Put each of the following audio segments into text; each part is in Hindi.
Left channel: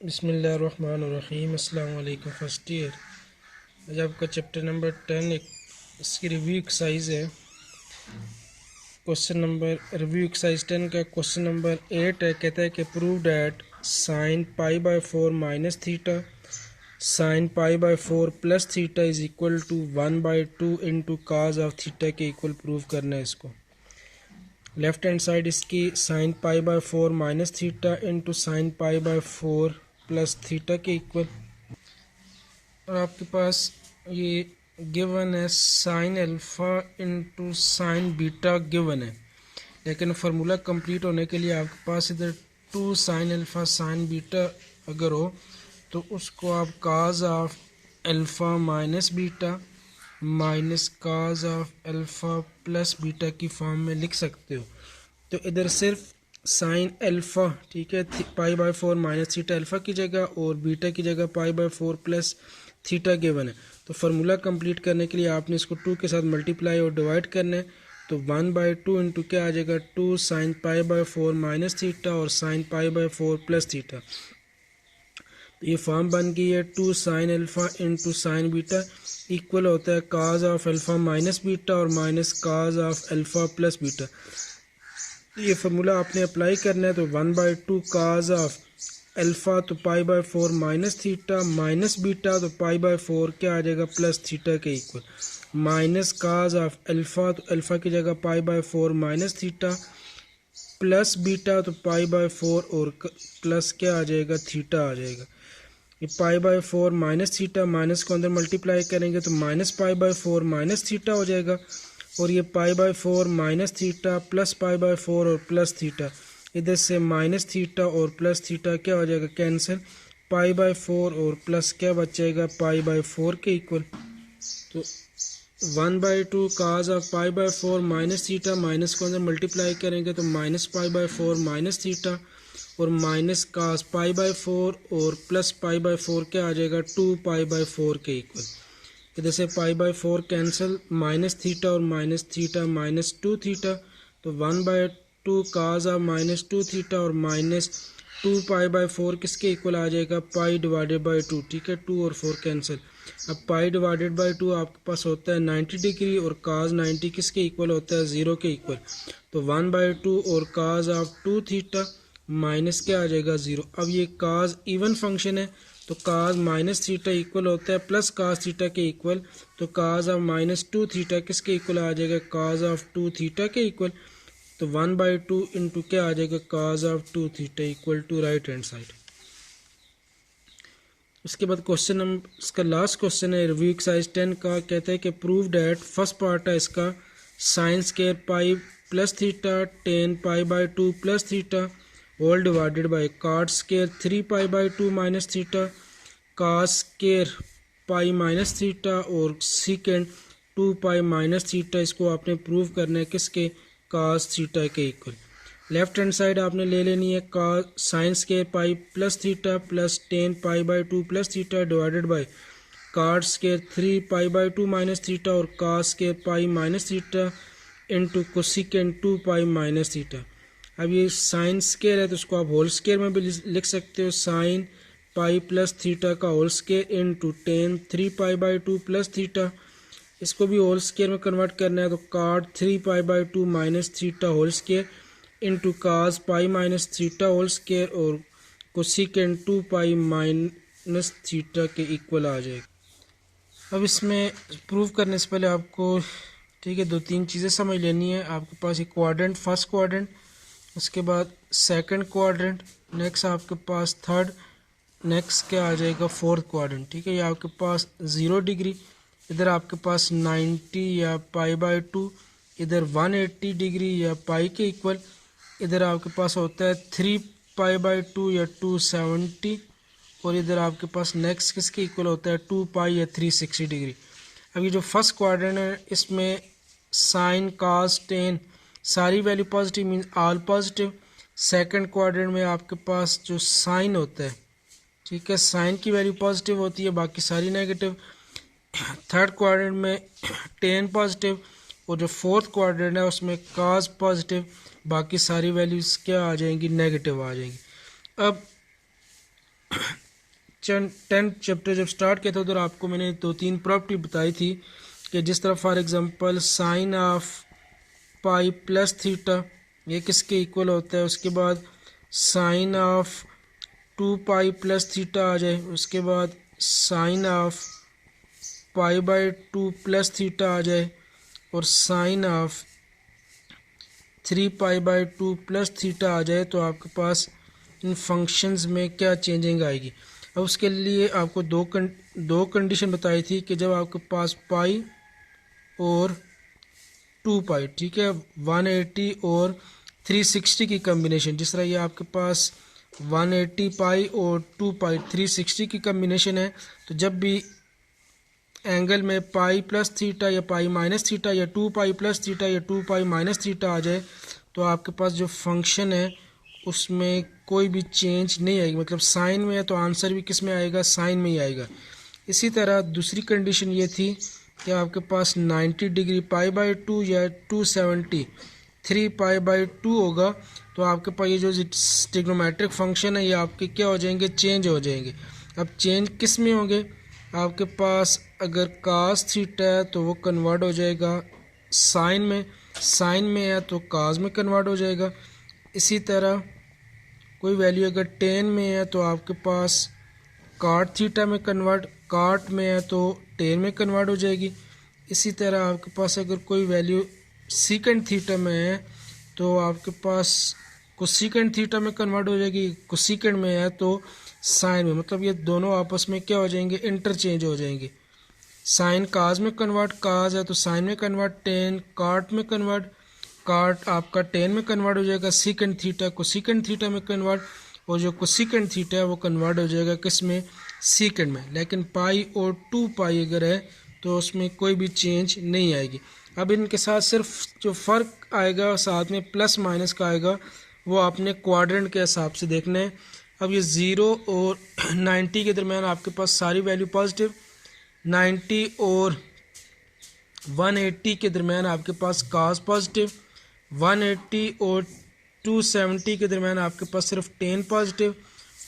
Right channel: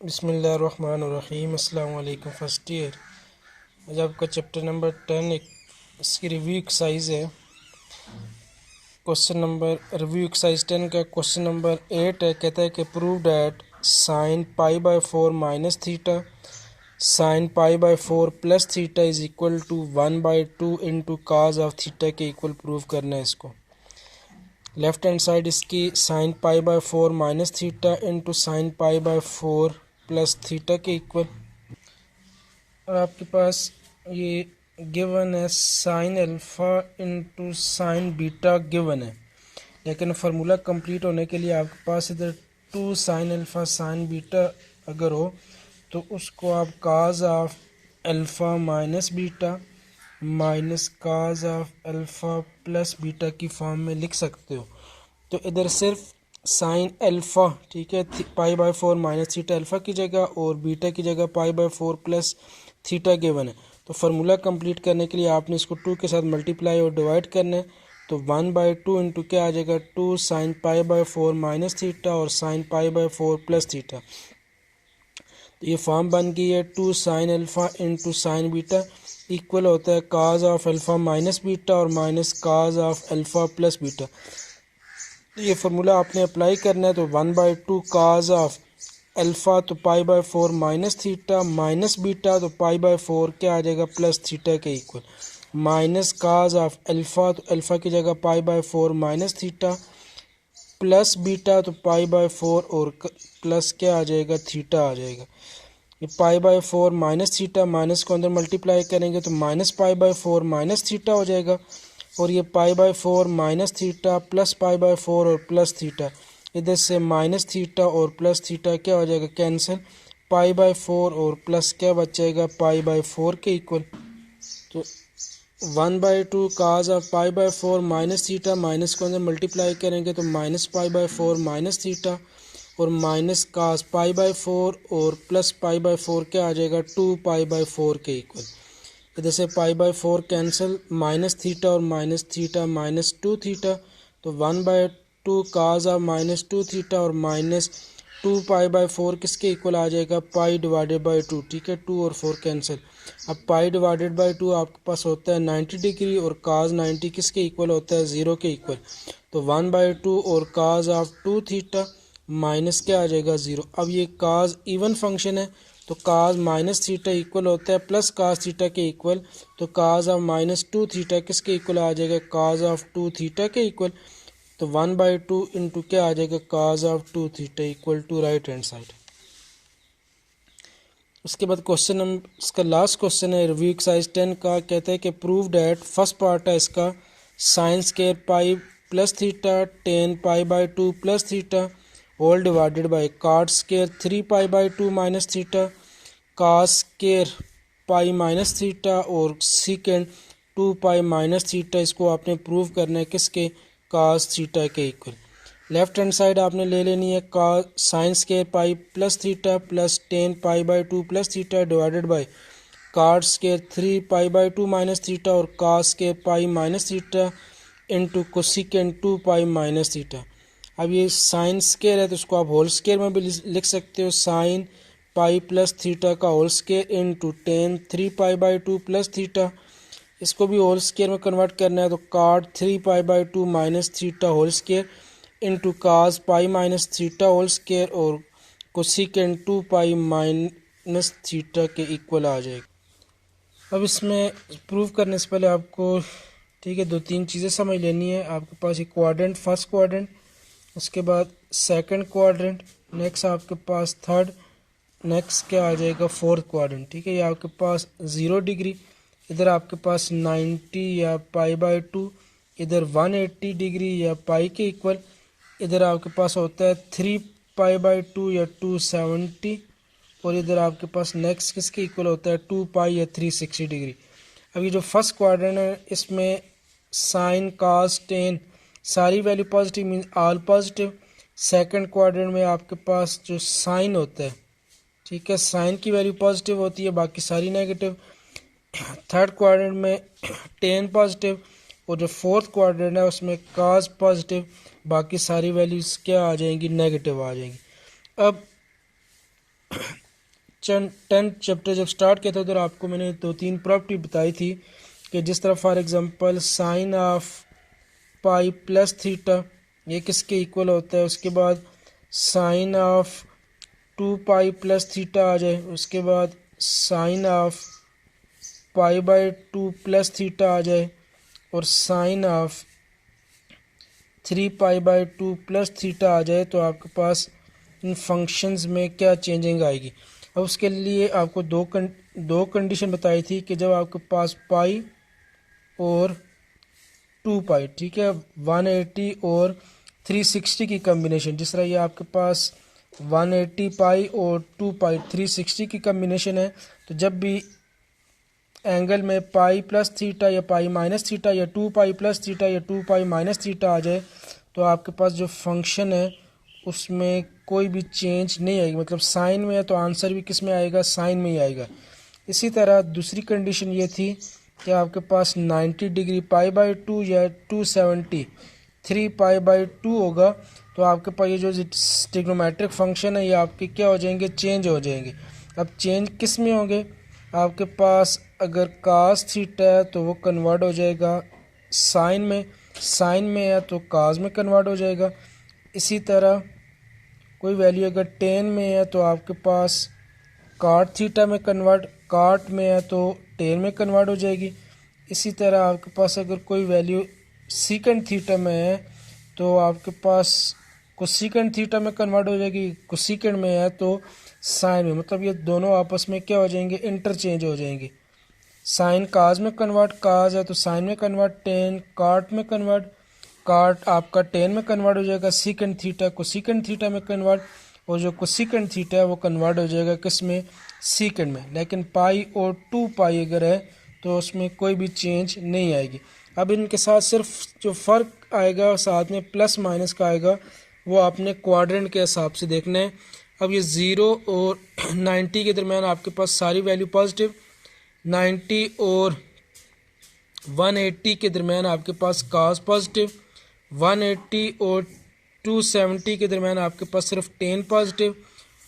बिस्मिल्लाहिर्रहमानिर्रहीम। अस्सलाम वालेकुम। फर्स्ट ईयर आज आपका चैप्टर नंबर 10 इसकी रिव्यू एक्सरसाइज है। क्वेश्चन नंबर रिव्यू एक्सरसाइज 10 का क्वेश्चन नंबर 8 है। कहता है कि prove that sine pi by 4 minus theta sine pi by 4 plus theta is equal to 1/2 into cos of theta के इक्वल प्रूव करना है इसको। लेफ्ट हैंड साइड इसकी sine pi by 4 minus theta into sine pi by 4 plus theta के इक्वल, और आपके पास ये गिवन है sign alpha into sine beta given है, लेकिन फार्मूला कंप्लीट होने के लिए आपके पास इधर 2 साइन अल्फ़ा साइन बीटा अगर हो तो उसको आप cos of alpha minus beta minus cos of alpha plus beta की फॉर्म में लिख सकते हो। तो इधर सिर्फ साइन अल्फ़ा, ठीक है, पाई बाय 4 माइनस थीटा अल्फ़ा की जगह और बीटा की जगह पाई बाय 4 प्लस थीटा गिवन है। तो फार्मूला कंप्लीट करने के लिए आपने इसको 2 के साथ मल्टीप्लाई और डिवाइड करना है। तो 1/2 इंटू क्या आ जाएगा 2 sine pi by 4 minus theta और sine pi by 4 plus theta. तो ये फॉर्म बन गई है 2 sine alpha into sine beta equal होता है cos of alpha minus beta और minus cos of alpha plus beta. ये फार्मूला आपने अप्लाई करना है। तो 1/2 काज ऑफ अल्फ़ा तो pi by 4 minus theta minus beta तो पाई बाय 4 क्या आ जाएगा प्लस थीटा के equal, minus cos of alpha तो अल्फ़ा की जगह पाई by 4 minus theta plus beta तो पाई बाय 4 और प्लस क्या आ जाएगा थीटा आ जाएगा। ये पाई बाय 4 माइनस थीटा माइनस को अंदर मल्टीप्लाई करेंगे तो minus pi by 4 minus theta हो जाएगा, और ये पाई by 4 minus theta plus pi by 4 और प्लस थीटा, इधर से माइनस थीटा और प्लस थीटा क्या हो जाएगा कैंसिल, पाई बाय 4 और प्लस क्या बचेगा पाई बाय 4 के इक्वल। तो 1/2 cos of pi by 4 minus theta minus को अंदर मल्टीप्लाई करेंगे तो minus pi by 4 minus theta और माइनस काज पाई बाय 4 और प्लस पाई बाय 4 क्या आ जाएगा 2 पाई बाय 4 के इक्वल। इधर से पाई बाय 4 कैंसिल, माइनस थीटा और माइनस थीटा माइनस 2 थीटा, तो 1/2 काज ऑफ माइनस 2 थीटा और माइनस 2 पाई बाय 4 किसके इक्वल आ जाएगा पाई डिवाइडेड बाय 2, ठीक है, 2 और 4 कैंसिल। अब पाई डिवाइडेड बाय 2 आपके पास होता है 90 डिग्री और काज 90 किसके इक्वल होता है 0 के इक्वल। तो 1/2 और काज ऑफ 2 थीटा माइनस क्या आ जाएगा 0। अब ये काज इवन फंक्शन है तो काज माइनस थीटा इक्वल होता है प्लस काज थीटा के इक्वल, तो काज ऑफ माइनस 2 थीटा किसके इक्वल आ जाएगा काज ऑफ 2 थीटा के इक्वल। तो 1/2 इंटू क्या आ जाएगा cos of 2 theta equal to right hand side. उसके बाद क्वेश्चन नंबर इसका लास्ट क्वेश्चन है रिव्यू एक्सरसाइज 10 का। कहता है कि प्रूव डैट फर्स्ट पार्ट है इसका sine square pi plus theta tan pi by 2 plus theta whole divided by cot square 3 pi by 2 minus theta cos square pi minus theta और सीकेंड 2 पाई माइनस थीटा, इसको आपने प्रूव करना है किसके कास थीटा के इक्वल। लेफ्ट हैंड साइड आपने ले लेनी है का sine square pi plus theta plus 10 pi by 2 plus theta divided by cot square 3 pi by 2 minus theta और cos square pi minus theta into cosecant 2 pi minus theta. अब ये साइन स्केयर है तो उसको आप होल स्केयर में भी लिख सकते हो, साइन पाई प्लस थीटा का whole square into 10 3 pi by 2 plus theta, इसको भी होल स्केयर में कन्वर्ट करना है तो cot 3 pi by 2 minus theta whole square into cos pi minus theta whole square और कोसिकेंड 2 पाई माइनस थीटा के इक्वल आ जाएगा। अब इसमें प्रूव करने से पहले आपको, ठीक है, 2-3 चीज़ें समझ लेनी है। आपके पास एक क्वाड्रेंट फर्स्ट क्वाड्रेंट, उसके बाद सेकंड क्वाड्रेंट, नेक्स्ट आपके पास थर्ड, नेक्स्ट क्या आ जाएगा फोर्थ क्वाड्रेंट, ठीक है। ये आपके पास 0 डिग्री, इधर आपके पास 90 या पाई बाय 2, इधर 180 डिग्री या पाई के इक्वल, इधर आपके पास होता है 3 पाई बाय 2 या 270, और इधर आपके पास नेक्स्ट किसके इक्वल होता है 2 पाई या 360 डिग्री। अब ये जो फर्स्ट क्वाड्रेंट है इसमें साइन कास टेन सारी value positive means all positive. Second quadrant में आपके पास जो साइन होता है, ठीक है, साइन की वैल्यू पॉजिटिव होती है बाकी सारी नेगेटिव। थर्ड क्वाड्रेंट में टेन पॉजिटिव, और जो फोर्थ क्वाड्रेंट है उसमें काज पॉजिटिव बाकी सारी वैल्यूज क्या आ जाएंगी नेगेटिव आ जाएंगी। अब 10th चैप्टर जब स्टार्ट किया था उधर आपको मैंने 2-3 प्रॉपर्टी बताई थी कि जिस तरह for example sine of pi plus theta ये किसके इक्वल होता है, उसके बाद sine of 2 pi plus theta आ जाए, उसके बाद sine of pi by 2 plus theta आ जाए और sine of 3 pi by 2 plus theta आ जाए, तो आपके पास इन फंक्शंस में क्या चेंजिंग आएगी। अब उसके लिए आपको दो कंडीशन बताई थी कि जब आपके पास पाई और 2 पाई, ठीक है, 180 और 360 की कम्बिनेशन, जिस तरह ये आपके पास 180 पाई और 2 पाई 360 की कम्बिनेशन है, तो जब भी एंगल में पाई प्लस थीटा या पाई माइनस थीटा या 2 पाई प्लस थीटा या 2 पाई माइनस थीटा आ जाए, तो आपके पास जो फंक्शन है उसमें कोई भी चेंज नहीं आएगी। मतलब साइन में है तो आंसर भी किस में आएगा, साइन में ही आएगा। इसी तरह दूसरी कंडीशन ये थी कि आपके पास 90 डिग्री पाई बाई 2 या 270 3 पाई बाई 2 होगा, तो आपके पास ये जो ट्रिग्नोमेट्रिक फंक्शन है ये आपके क्या हो जाएंगे, चेंज हो जाएंगे। अब चेंज किस में होंगे, आपके पास अगर कास थीटा है तो वो कन्वर्ट हो जाएगा साइन में, साइन में है तो कास में कन्वर्ट हो जाएगा। इसी तरह कोई वैल्यू अगर टेन में है तो आपके पास काट थीटा में कन्वर्ट, काट में है तो टेन में कन्वर्ट हो जाएगी। इसी तरह आपके पास अगर कोई वैल्यू सीकेंड थीटा में है तो आपके पास कोसेकेंड थीटा में कन्वर्ट हो जाएगी, कोसेकेंड में है तो साइन में। मतलब ये दोनों आपस में क्या हो जाएंगे, इंटरचेंज हो जाएंगे। साइन काज में कन्वर्ट, काज है तो साइन में कन्वर्ट, टेन काट में कन्वर्ट, काट आपका टेन में कन्वर्ट हो जाएगा, सीकेंड थीटा कोसेकेंड थीटा में कन्वर्ट, और जो कोसेकेंड थीटा है वो कन्वर्ट हो जाएगा किस में, सीकेंड में। लेकिन पाई और 2 पाई अगर है तो उसमें कोई भी चेंज नहीं आएगी। अब इनके साथ सिर्फ जो फ़र्क आएगा साथ में प्लस माइनस का आएगा, वो आपने क्वाड्रेंट के हिसाब से देखना है। अब ये 0 और 90 के दरमियान आपके पास सारी वैल्यू पॉजिटिव, 90 और 180 के दरमियान आपके पास कास पॉजिटिव, 180 और 270 के दरमियान आपके पास सिर्फ 10 पॉजिटिव,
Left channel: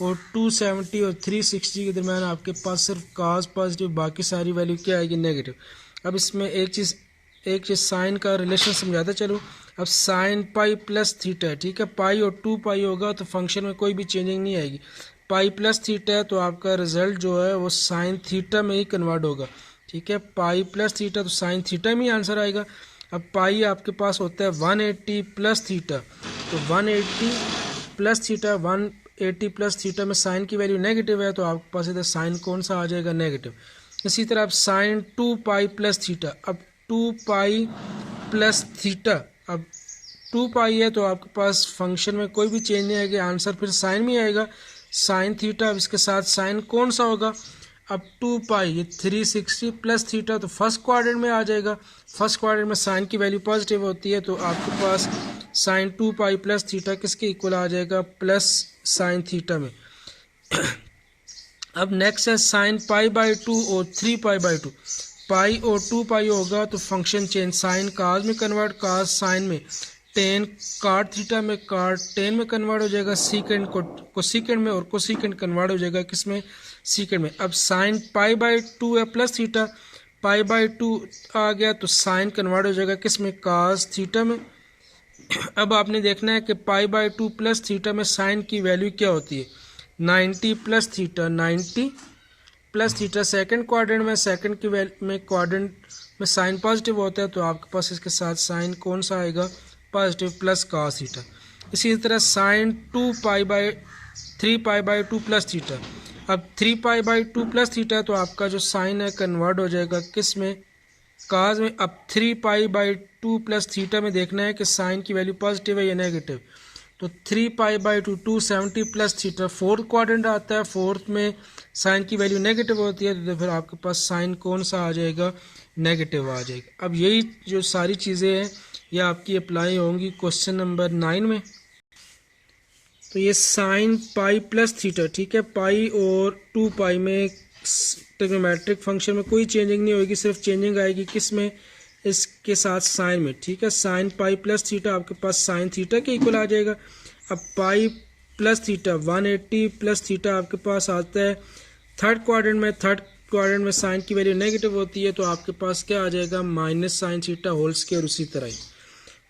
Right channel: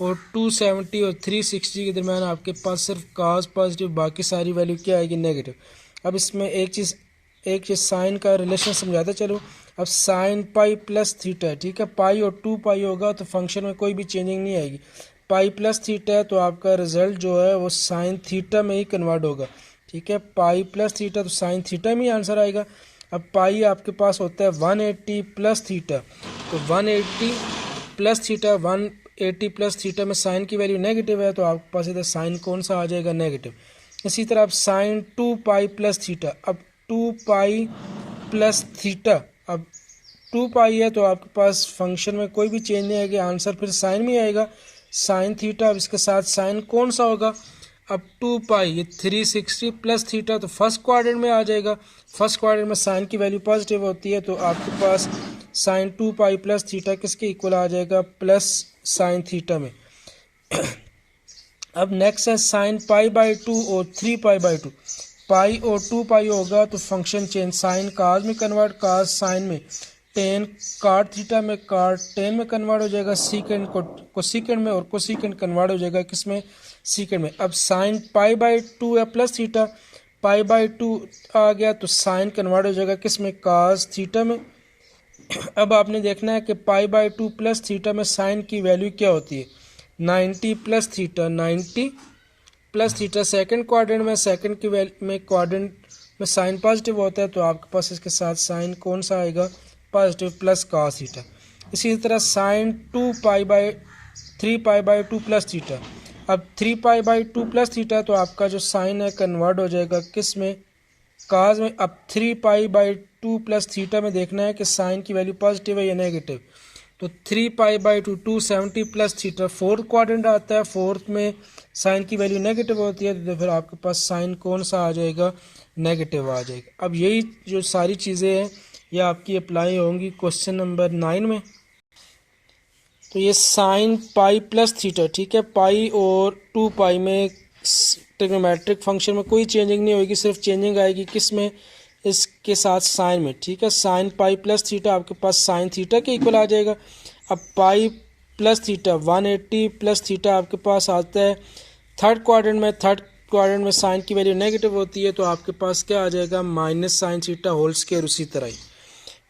और 270 और 360 के दरमियान आपके पास सिर्फ कास पॉजिटिव, बाकी सारी वैल्यू क्या आएगी, नेगेटिव। अब इसमें एक चीज़ साइन का रिलेशन समझाता चलो। अब साइन पाई प्लस थीटा है, ठीक है, पाई और 2 पाई होगा तो फंक्शन में कोई भी चेंजिंग नहीं आएगी। पाई प्लस थीटा है तो आपका रिजल्ट जो है वो साइन थीटा में ही कन्वर्ट होगा, ठीक है, पाई प्लस थीटा तो साइन थीटा में ही आंसर आएगा। अब पाई आपके पास होता है 180 प्लस थीटा, तो 180 प्लस थीटा, 180 प्लस थीटा में साइन की वैल्यू नेगेटिव है तो आपके पास इधर साइन कौन सा आ जाएगा, नेगेटिव। इसी तरह अब साइन 2 पाई प्लस थीटा, अब 2 पाई प्लस थीटा, अब 2 पाई है तो आपके पास फंक्शन में कोई भी चेंज नहीं आएगा, आंसर फिर साइन में आएगा, साइन थीटा। अब इसके साथ साइन कौन सा होगा, अब 2 पाई ये 360 प्लस थीटा, तो फर्स्ट क्वाड्रेंट में आ जाएगा। फर्स्ट क्वाड्रेंट में साइन की वैल्यू पॉजिटिव होती है तो आपके पास साइन 2 पाई प्लस थीटा किसके इक्वल आ जाएगा, प्लस साइन थीटा में। अब नेक्स्ट है साइन पाई बाई 2 और 3 पाई बाई 2, पाई और 2 पाई होगा तो फंक्शन चेंज, साइन काज में कन्वर्ट, काज साइन में, टेन काट थीटा में, काट टेन में कन्वर्ट हो जाएगा, सीकेंड को सीकेंड में, और को सीकेंड कन्वर्ट हो जाएगा किसमें, सीकेंड में। अब साइन पाई बाई 2 है प्लस थीटा, पाई बाई 2 आ गया तो साइन कन्वर्ट हो जाएगा किसमें, काज थीटा में। अब आपने देखना है कि पाई बाई 2 प्लस थीटा में साइन की वैल्यू क्या होती है, 90 plus theta, 90 plus theta second quadrant में, सेकंड की वैल्यू में क्वाड्रेंट में साइन पॉजिटिव होता है तो आपके पास इसके साथ साइन कौन सा आएगा, पॉजिटिव, प्लस कास थीटा। इसी तरह sine 3 pi by 2 plus theta, अब 3 पाई बाई 2 प्लस थीटा तो आपका जो साइन है कन्वर्ट हो जाएगा किस में, काज में। अब 3 पाई बाई 2 प्लस थीटा में देखना है कि साइन की वैल्यू पॉजिटिव है या नेगेटिव, तो 3 pi by 2 270 plus theta, fourth quadrant आता है, फोर्थ में साइन की वैल्यू नेगेटिव होती है तो फिर आपके पास साइन कौन सा आ जाएगा, नेगेटिव आ जाएगा। अब यही जो सारी चीज़ें हैं ये आपकी अप्लाई होंगी क्वेश्चन नंबर 9 में। तो ये साइन पाई प्लस थीटा, ठीक है, पाई और 2 पाई में ट्रिग्नोमेट्रिक फंक्शन में कोई चेंजिंग नहीं होगी, सिर्फ चेंजिंग आएगी किस में, इसके साथ साइन में, ठीक है। साइन पाई प्लस थीटा आपके पास साइन थीटा के इक्वल आ जाएगा। अब pi plus theta 180 plus theta आपके पास आता है थर्ड क्वाड्रेंट में साइन की वैल्यू नेगेटिव होती है, तो आपके पास क्या आ जाएगा minus sine theta whole square. उसी तरह ही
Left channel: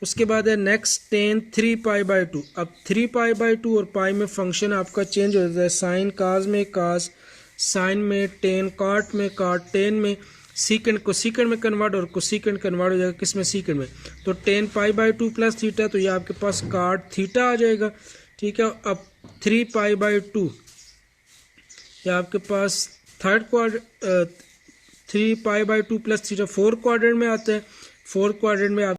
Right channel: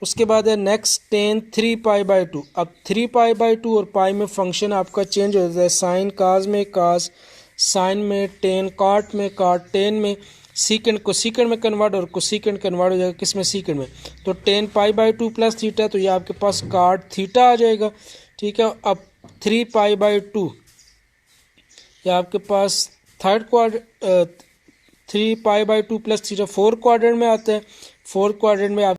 उसके बाद है नेक्स्ट टेन 3π/2। अब 3π/2 और पाई में फंक्शन आपका चेंज हो जाता है, साइन काज में काज, साइन में टेन, काट में काट, टेन में सीकेंड को सीकेंड में कन्वर्ट और को सीकेंड कन्वर्ट हो जाएगा किस में सीकेंड में, तो 10π/2 प्लस थीटा, तो ये आपके पास काट थीटा आ जाएगा। ठीक है, अब 3π/2 ये आपके पास third quadrant 3π/2 plus theta fourth quadrant में आता है, फोर्थ क्वाड्रेंट में आप